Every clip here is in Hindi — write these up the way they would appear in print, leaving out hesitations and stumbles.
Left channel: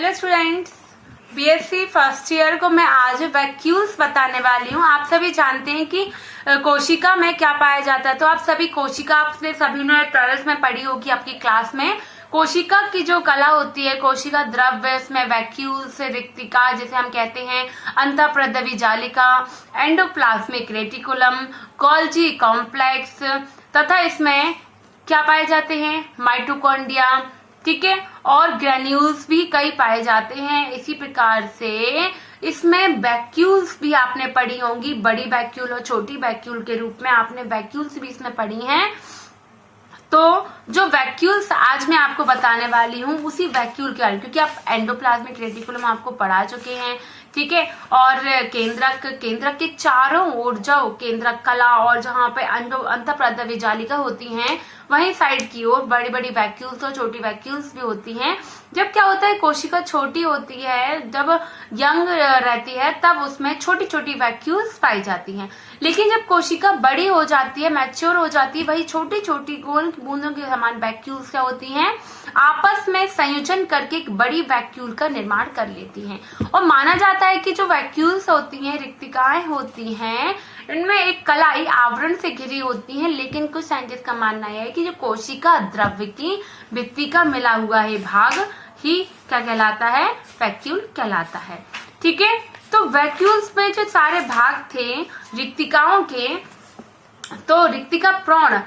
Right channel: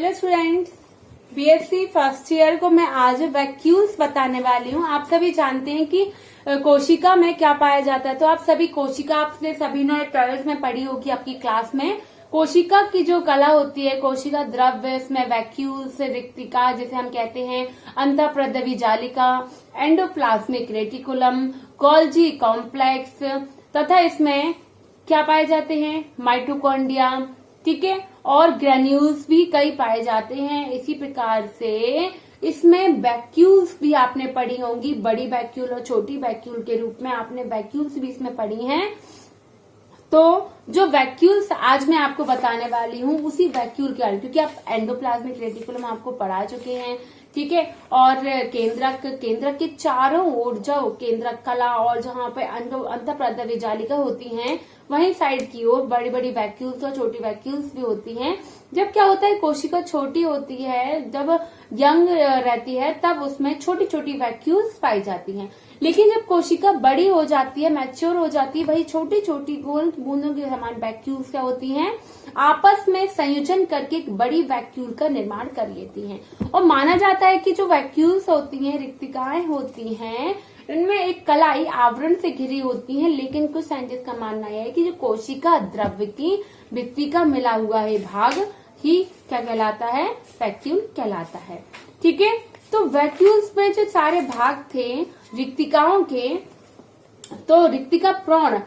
Hello students, BSc first year को मैं आज वैक्यूल्स बताने वाली हूँ। आप सभी जानते हैं कि कोशिका में क्या पाया जाता है। तो आप सभी कोशिका, आपने सभी ने 12th में पढ़ी होगी आपकी क्लास में। कोशिका की जो कला होती है, कोशिका द्रव्य, इसमें वैक्यूल्स, रिक्तिका जिसे हम कहते हैं, अंतःप्रद्रवी जालिका, एंडोप्लाज्मिक रेटिकुलम, गोल्जी कॉम्प्लेक्स तथा इसमें क्या पाए जाते हैं, माइटोकॉन्ड्रिया, ठीक है, और ग्रेन्यूल्स भी कई पाए जाते हैं। इसी प्रकार से इसमें वैक्यूल्स भी आपने पढ़ी होंगी, बड़ी वैक्यूल और छोटी वैक्यूल के रूप में आपने वैक्यूल्स भी इसमें पढ़ी हैं। तो जो वैक्यूल्स आज मैं आपको बताने वाली हूँ उसी वैक्यूल के बारे में, क्योंकि आप एंडोप्लाज्मिक रेटिकुलम आपको पढ़ा चुके हैं, ठीक है, और केंद्रक के चारों ओर जो केंद्रक कला और जहाँ पे अंतःप्रद्रवी जालिका होती हैं, वहीं साइड की ओर बड़ी बड़ी वैक्यूल्स और छोटी वैक्यूल्स भी होती हैं। जब क्या होता है, कोशिका छोटी होती है, जब यंग रहती है तब उसमें छोटी छोटी वैक्यूल्स पाई जाती हैं। लेकिन जब कोशिका बड़ी हो जाती है, मैच्योर हो जाती है, वही छोटी छोटी गोल बूंदों के समान वैक्यूल्स क्या होती हैं, आपस में संयोजन करके एक बड़ी वैक्यूल का निर्माण कर लेती हैं। और माना जाता है कि जो वैक्यूल्स होती हैं, रिक्तिकाएं होती हैं, इनमें एक कलाई आवरण से घिरी होती है। लेकिन कुछ साइंटिस्ट का मानना है कि जो कोशिका द्रव्य की भित्ति का मिला हुआ है भाग ही क्या कहलाता है, वैक्यूल कहलाता है, ठीक है। तो वैक्यूल्स में जो सारे भाग थे रिक्तिकाओं के, तो रिक्तिका प्रोण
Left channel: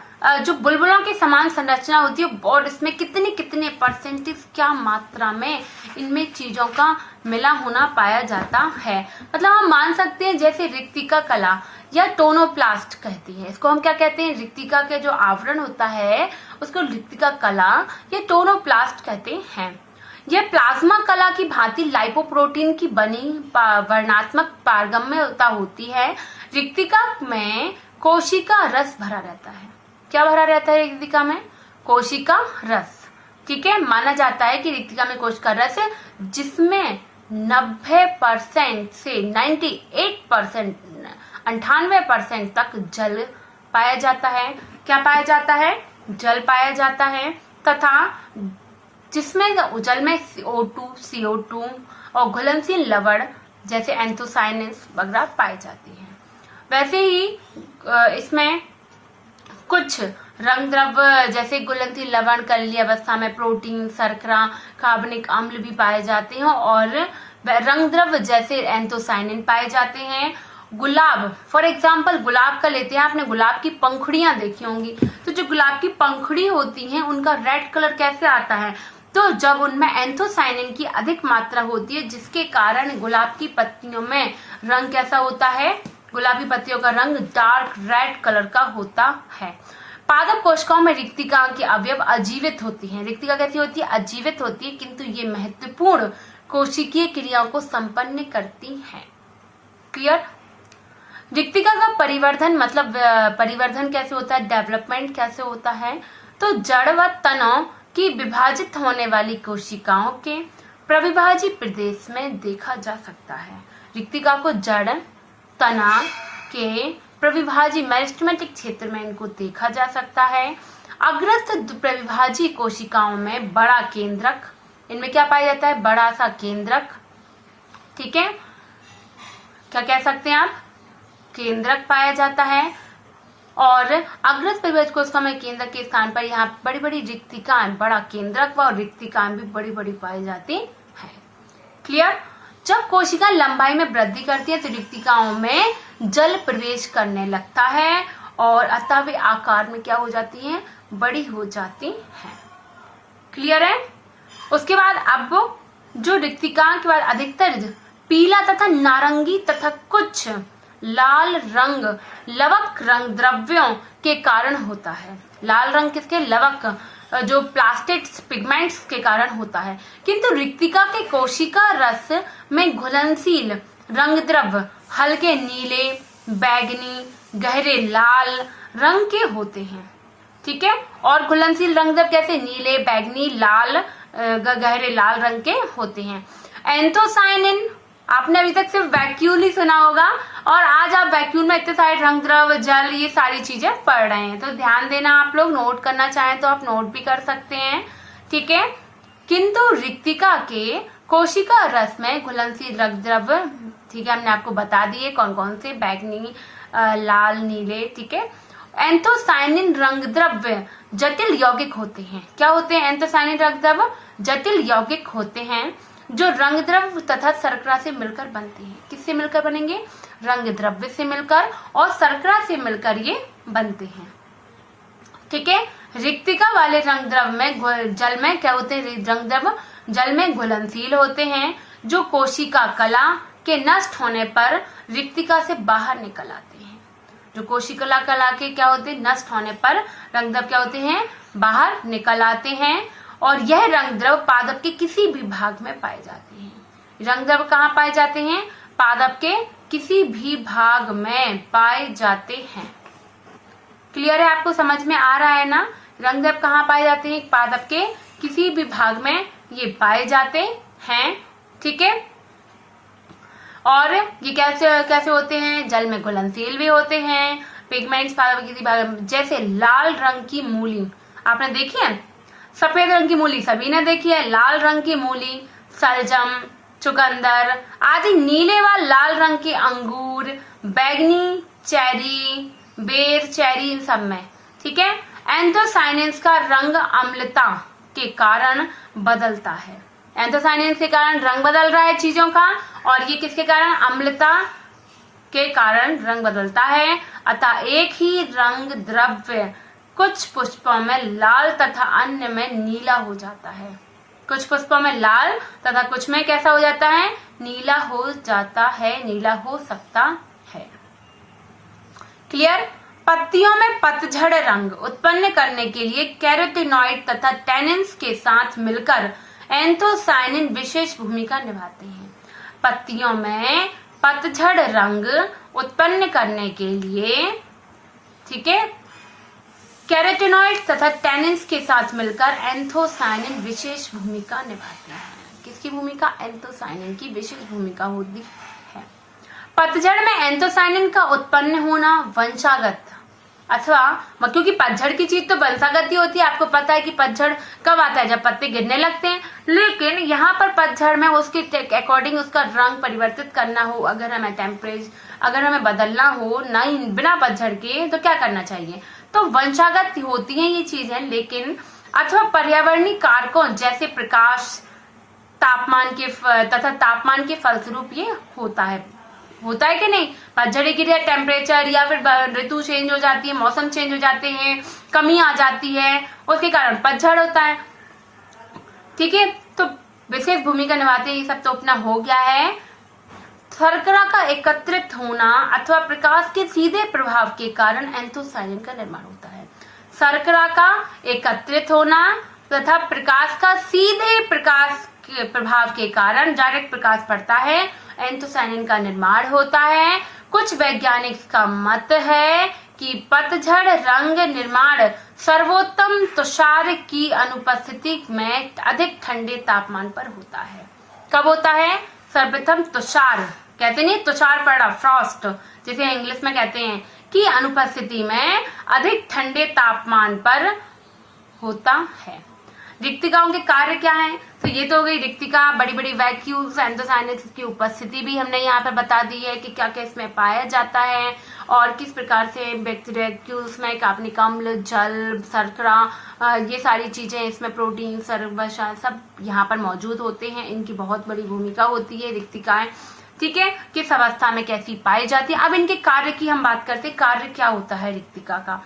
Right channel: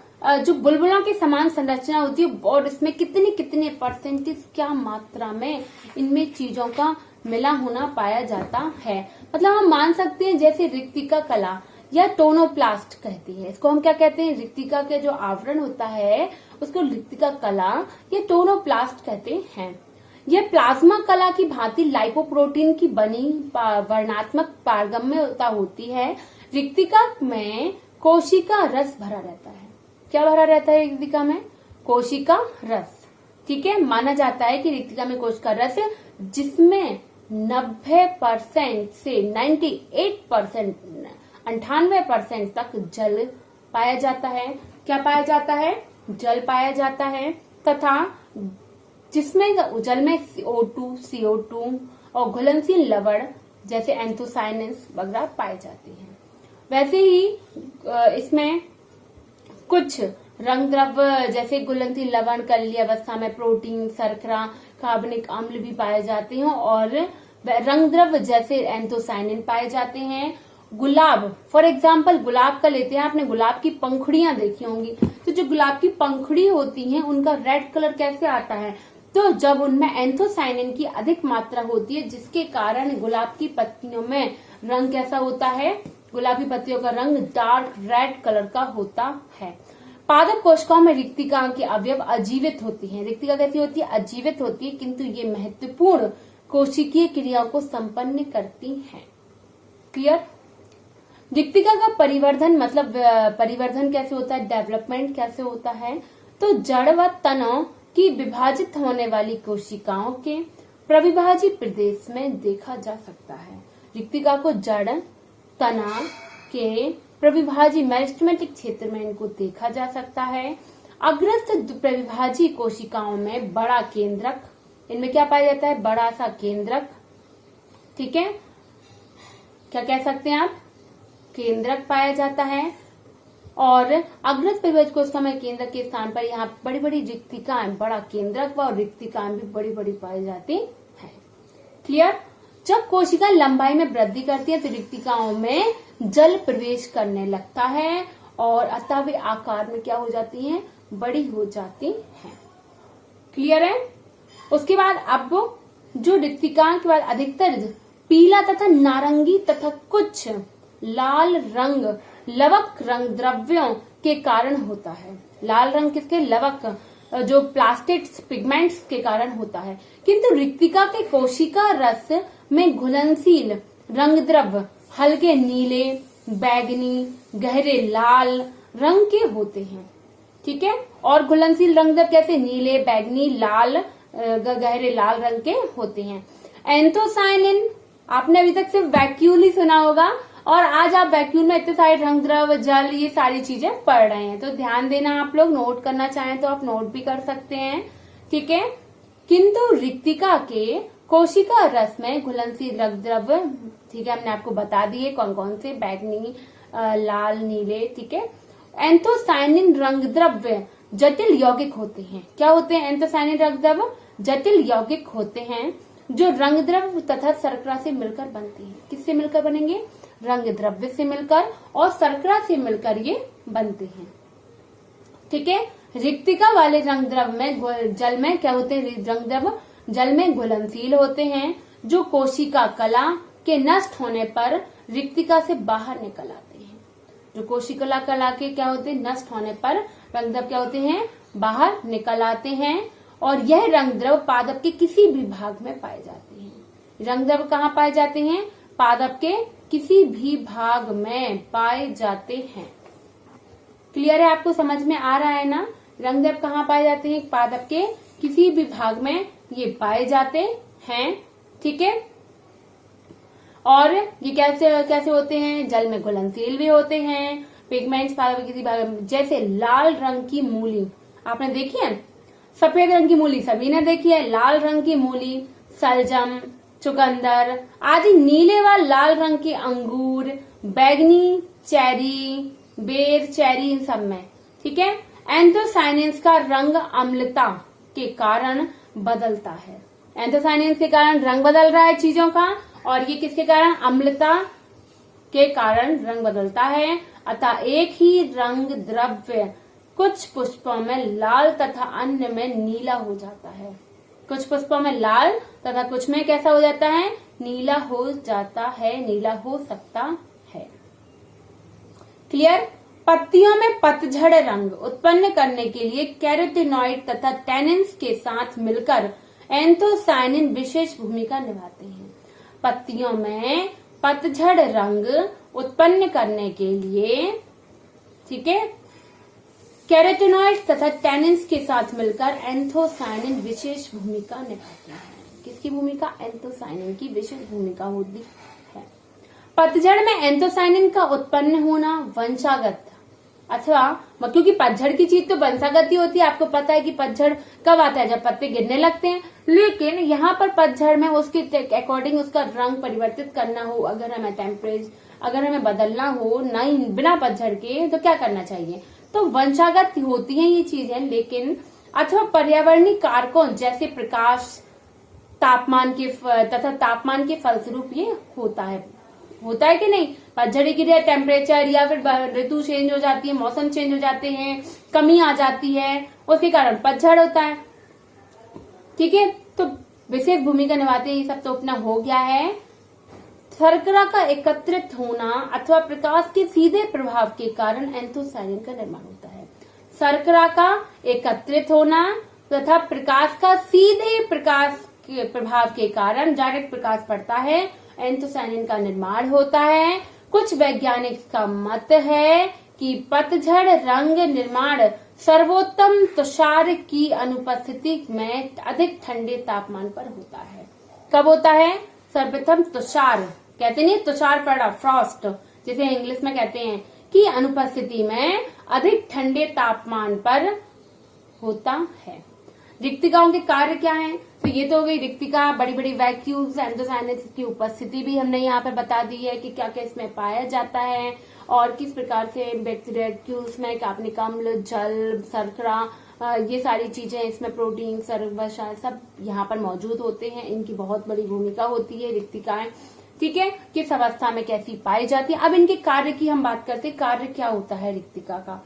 जो बुलबुलों के समान संरचना होती है, और इसमें कितने कितने परसेंटेज, क्या मात्रा में इनमें चीजों का मिला होना पाया जाता है। मतलब हम मान सकते हैं जैसे रिक्तिका कला या टोनोप्लास्ट कहती है, इसको हम क्या कहते हैं, रिक्तिका के जो आवरण होता है उसको रिक्तिका कला या टोनोप्लास्ट कहते हैं। यह प्लाज्मा कला की भांति लाइपोप्रोटीन की बनी वर्णात्मक पारगम्यता होती है। रिक्तिका में कोशिका रस भरा रहता है। क्या भरा रहता है रिक्तिका में? कोशिका रस, ठीक है। माना जाता है कि रिक्तिका में कोशिका रस, जिसमें 90% से 98%, 98% तक जल पाया जाता है। क्या पाया जाता है? जल पाया जाता है, तथा जिसमें जल में CO2, CO2 और घुलनशील लवण जैसे एंथोसायनिन्स वगैरह पाए जाती हैं। वैसे ही इसमें कुछ रंग द्रव्य जैसे घुलनशील लवण कली अवस्था में प्रोटीन, शर्करा, कार्बनिक अम्ल भी पाए जाते हैं, और रंग द्रव्य जैसे एंथोसायनिन पाए जाते हैं। गुलाब, फॉर एग्जाम्पल गुलाब का लेते हैं, आपने गुलाब की पंखुड़ियां देखी होंगी। तो जो गुलाब की पंखुड़ी होती हैं उनका रेड कलर कैसे आता है? तो जब उनमें एंथोसायनिन की अधिक मात्रा होती है, जिसके कारण गुलाब की पत्तियों में रंग कैसा होता है, गुलाबी पत्तियों का रंग डार्क रेड कलर का होता है। पादप कोशिकाओं में रिक्तिका के अवयव अजीवित होती हैं। रिक्तिका कैसी होती है? अजीवित होती है, किंतु ये महत्वपूर्ण कोशिकीय क्रियाओं को संपन्न करती हैं। क्लियर? रिक्तिका का परिवर्धन, मतलब परिवर्धन कैसे होता है, डेवलपमेंट कैसे होता है? तो जड़ व तनों की विभाजित होने वाली कोशिकाओं के प्रविभाजी प्रदेश में देखा जा सकता है। रिक्तिका को जड़ तना के प्रविभाजी मेरिस्टेमेटिक क्षेत्र में इनको देखा जा सकता है। अग्रस्थ प्रविभाजी कोशिकाओं में बड़ा केंद्रक, इनमें क्या पाया जाता है, बड़ा सा केंद्रक, ठीक है। क्या कह सकते हैं आप, केंद्रक पाया जाता है। और अग्रस्थ प्रविभाजी कोशिका में केंद्रक के स्थान पर यहाँ बड़ी बड़ी रिक्तिकाएं, बड़ा केंद्रक व रिक्तिकाएं भी बड़ी बड़ी पाई जाती है। क्लियर? जब कोशिका लंबाई में वृद्धि करती है तो रिक्तिकाओं में जल प्रवेश करने लगता है, और अतः वे आकार में क्या हो जाती हैं, बड़ी हो जाती हैं। क्लियर है? उसके बाद अब जो रिक्तिकाओं के बाद अधिकतर पीला तथा नारंगी तथा कुछ लाल रंग लवक रंग द्रव्यों के कारण होता है। लाल रंग किसके? लवक, जो प्लास्टिक्स पिगमेंट्स के कारण होता है। किंतु रिक्तिका के कोशिका रस में घुलनशील रंग द्रव्य हल्के नीले, बैगनी, गहरे लाल रंग के होते हैं, ठीक है। और घुलनशील रंग द्रव्य कैसे? नीले, बैगनी, लाल, गहरे लाल रंग के होते हैं। एंथोसायनिन, आपने अभी तक सिर्फ वैक्यूल ही सुना होगा, और आज आप वैक्यूल में इतने सारे रंग द्रव्य, जल, ये सारी चीजें पढ़ रहे हैं। तो ध्यान देना, आप लोग नोट करना चाहें तो आप नोट भी कर सकते हैं, ठीक है। किंतु रिक्तिका के कोशिका रस में घुलनशील रक्त द्रव्य, ठीक है, हमने आपको बता दिए कौन कौन से, बैगनी, लाल, नीले, ठीक है। एंथोसायनिन रंग द्रव्य जटिल यौगिक होते हैं। क्या होते हैं एंथोसायनिन रंग द्रव्य? जटिल यौगिक होते हैं जो रंग द्रव्य तथा शर्करा से मिलकर बनते हैं। किससे मिलकर बनेंगे? रंग द्रव्य से मिलकर और शर्करा से मिलकर ये बनते हैं, ठीक है। रिक्तिका वाले रंग द्रव्य में जल में क्या होते हैं? रंग द्रव्य जल में घुलनशील होते हैं जो कोशिका कला के नष्ट होने पर रिक्तिका से बाहर निकल आते हैं। जो कोशिका कला के क्या होते हैं? नष्ट होने पर रंग द्रव्य क्या होते हैं? बाहर निकल आते हैं और यह रंग द्रव्य पादप के किसी भी भाग में पाए जाते हैं। रंग द्रव्य कहाँ पाए जाते हैं? पादप के किसी भी भाग में पाए जाते हैं। क्लियर है? आपको समझ में आ रहा है ना? रंग द्रव्य कहाँ पाए जाते हैं? पादप के किसी भी भाग में ये पाए जाते हैं, ठीक है। और ये कैसे होते हैं? जल में घुलनशील भी होते हैं। पिगमेंट्स पादप के किसी भाग में, जैसे लाल रंग की मूली आपने देखी है, सफेद रंग की मूली सभी ने देखी है, लाल रंग की मूली, सलजम, चुकंदर आदि, नीले व लाल रंग के अंगूर, बैगनी चेरी, बेर चेरी, इन सब में, ठीक है। एंथोसायनिन्स का रंग अम्लता के कारण बदलता है। एंथोसायनिन्स के कारण रंग बदल रहा है चीजों का, और ये किसके कारण? अम्लता के कारण रंग बदलता है। अतः एक ही रंग द्रव्य कुछ पुष्पों में लाल तथा अन्य में नीला हो जाता है। कुछ पुष्पों में लाल तथा कुछ में कैसा हो जाता है? नीला हो जाता है, नीला हो सकता है। क्लियर? पत्तियों में पतझड़ रंग उत्पन्न करने के लिए कैरोटीनॉइड तथा टैनिन्स के साथ मिलकर एंथोसायनिन विशेष भूमिका निभाते हैं। पत्तियों में पतझड़ रंग उत्पन्न करने के लिए, ठीक है, कैरोटीनॉइड तथा टैनिन्स के साथ मिलकर एंथोसायनिन विशेष भूमिका निभाते हैं। किसकी भूमिका? एंथोसायनिन की विशेष भूमिका होती है। पतझड़ में एंथोसायनिन का उत्पन्न होना वंशागत अथवा, क्योंकि पतझड़ की चीज तो वंशागत ही होती है। आपको पता है कि पतझड़ कब आता है? जब पत्ते गिरने लगते हैं। लेकिन यहाँ पर पतझड़ में उसके अकॉर्डिंग उसका रंग परिवर्तित करना हो, अगर हमें बदलना हो नहीं बिना पतझड़ के, तो क्या करना चाहिए? तो वंशागत होती है ये चीजें। लेकिन अथवा पर्यावरणीय कारकों जैसे प्रकाश, तापमान के फलस्वरूप ये होता है कि नहीं? पतझड़ की टेम्परेचर या फिर ऋतु चेंज हो जाती है, मौसम चेंज हो जाते हैं, कमी आ जाती है, उसके कारण पतझड़ होता है, ठीक है। तो विशेष भूमिका निभाते हैं। ये सब तो अपना हो गया है। शर्करा का एकत्रित होना अथवा प्रकाश के सीधे प्रभाव के कारण एंथोसायनिन का निर्माण होता है। शर्करा का एकत्रित होना तथा प्रकाश का सीधे प्रभाव के कारण, डायरेक्ट प्रकाश पड़ता है, एंथोसायनिन का निर्माण होता है। कुछ वैज्ञानिक का मत है कि पतझड़ रंग निर्माण सर्वोत्तम तुषार की अनुपस्थिति में अधिक ठंडे तापमान पर होता है। कब होता है? सर्वप्रथम तुषार, कहते नहीं तुषार पड़ा, फ्रॉस्ट जिसे इंग्लिश में कहते हैं, की अनुपस्थिति में अधिक ठंडे तापमान पर होता है। रिक्तिकाओं के कार्य क्या हैं? तो ये तो हो गई रिक्तिका, बड़ी बड़ी वैक्यूल्स, एंथोसायनिन्स की उपस्थिति भी हमने यहाँ पे बता दी है कि क्या क्या इसमें पाया जाता है और किस प्रकार से वैक्यूल्स में कार्बनिक अम्ल, जल, शर्करा, ये सारी चीजें इसमें, प्रोटीन, सर्वशाल सब यहाँ पर मौजूद होते हैं। इनकी बहुत बड़ी भूमिका होती है रिक्तिकाएं, ठीक है। किस अवस्था में कैसी पाई जाती है। अब इनके कार्य की हम बात करते हैं। कार्य क्या होता है रिक्तिका का?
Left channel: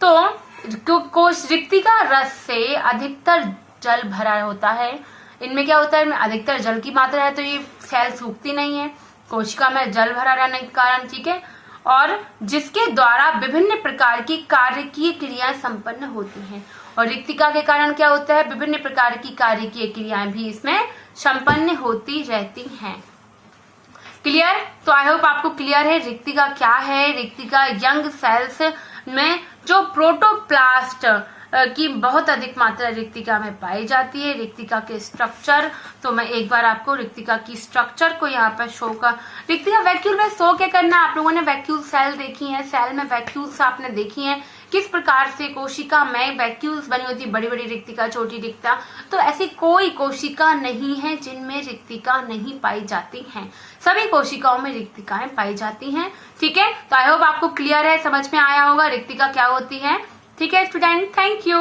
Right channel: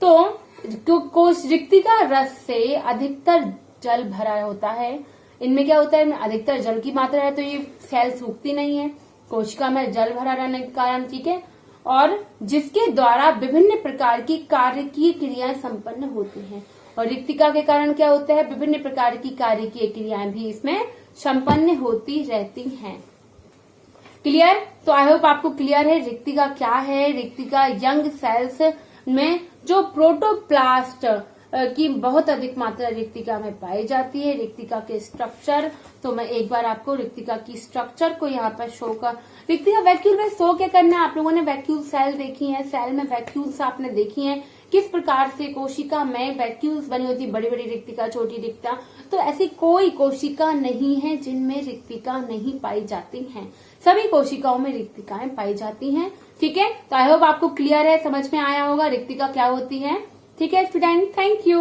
तो रिक्तिका रस से अधिकतर जल भरा होता है। इनमें क्या होता है? इनमें अधिकतर जल की मात्रा है, तो ये सेल सूखती नहीं है कोशिका में जल भरा रहने के कारण, ठीक है। और जिसके द्वारा विभिन्न प्रकार की कार्यकीय क्रियाएं संपन्न होती हैं। और रिक्तिका के कारण क्या होता है? विभिन्न प्रकार की कार्यकीय क्रियाएं भी इसमें संपन्न होती रहती हैं। क्लियर? तो आई होप आपको क्लियर है रिक्तिका क्या है। रिक्तिका यंग सेल्स में जो प्रोटोप्लास्ट की बहुत अधिक मात्रा रिक्तिका में पाई जाती है। रिक्तिका के स्ट्रक्चर, तो मैं एक बार आपको रिक्तिका की स्ट्रक्चर को यहाँ पर शो कर, रिक्तिका वैक्यूल में शो क्या करना है, आप लोगों ने वैक्यूल सेल देखी है, सेल में वैक्यूल्स आपने देखी है, किस प्रकार से कोशिका में वैक्यूल्स बनी होती है, बड़ी बड़ी रिक्तिका, छोटी रिक्तिका। तो ऐसी कोई कोशिका नहीं है जिनमें रिक्तिका नहीं पाई जाती हैं, सभी कोशिकाओं में रिक्तिकाएं पाई जाती हैं। ठीक है, तो आई होप आपको क्लियर है, समझ में आया होगा रिक्तिका क्या होती है। ठीक है स्टूडेंट, थैंक यू।